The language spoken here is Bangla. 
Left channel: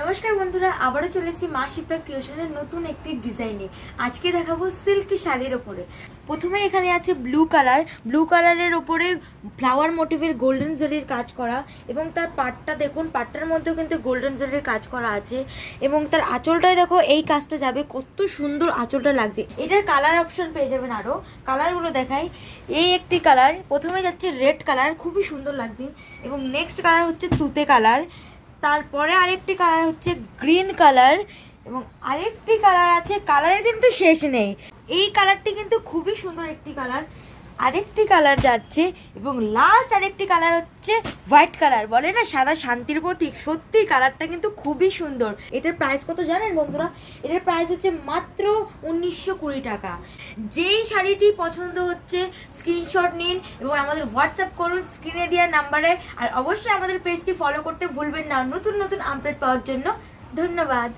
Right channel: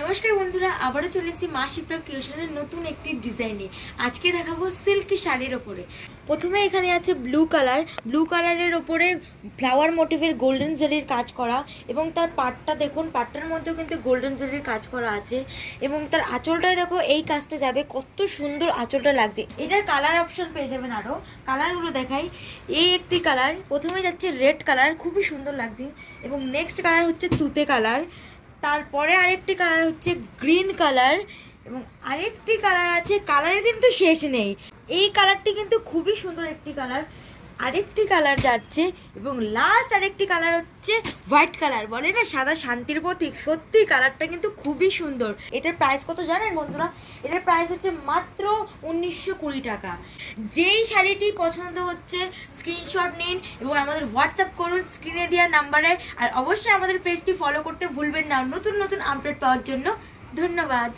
নমস্কার বন্ধুরা, আবারও চলে এসেছি মা শিপ্রা ক্রিয়েশনের নতুন একটি ডিজাইনে। আজকে দেখাবো সিল্কি শাড়ির ওপরে। প্রথমে এখানে আছে ব্লু কালারের ওপরে ফ্লাওয়ার মোটিভের গোল্ডেন জরির কাজ করা, এবং তার পাটটা দেখুন, পাটটার মধ্যেও কিন্তু গোল্ডেন জরির কাজ করা আছে, এবং তার আঁচলটায় দেখো এই কাজটা যাবে, কত সুন্দর আঁচলটা লাগছে। এটার কালার অপশন পেয়ে যাবেন, আরও কালারগুলো দেখাই। এই একটি কালার, প্রথমে যাচ্ছে রেড কালার, খুবই সুন্দর লাগছে, এবং নেক্সট কালার হচ্ছে তুতে কালার, তারপরে আরেকটি কালার হচ্ছে গ্রিন কালার, এবং আরেকটি কালার আছে, কালারের কিন্তু শেষ নেই। এই কালারটি কিন্তু খুবই সুন্দর একটি কালার। আরেকটি কালার যাচ্ছে, এবং লাস্ট আরেকটি কালার হচ্ছে হোয়াইট কালার। বলে না সাদা শান্তির প্রতীক, সত্যি কালারটা কিন্তু খুবই সুন্দর। এটার প্রাইস কত জানেন বন্ধুরা? এটার প্রাইস হচ্ছে মাত্র 1920 টাকা। যেই শাড়িটি পছন্দ হচ্ছে স্ক্রিনশট নিন এবং আমাদের হোয়াটসঅ্যাপ করুন স্ক্রিনে দেওয়া নাম্বারে। আর অবশ্যই আমাদের পেজটি ফলো করতে ভুলবেন না নতুন নতুন আপডেট পাওয়ার জন্য। ধন্যবাদ।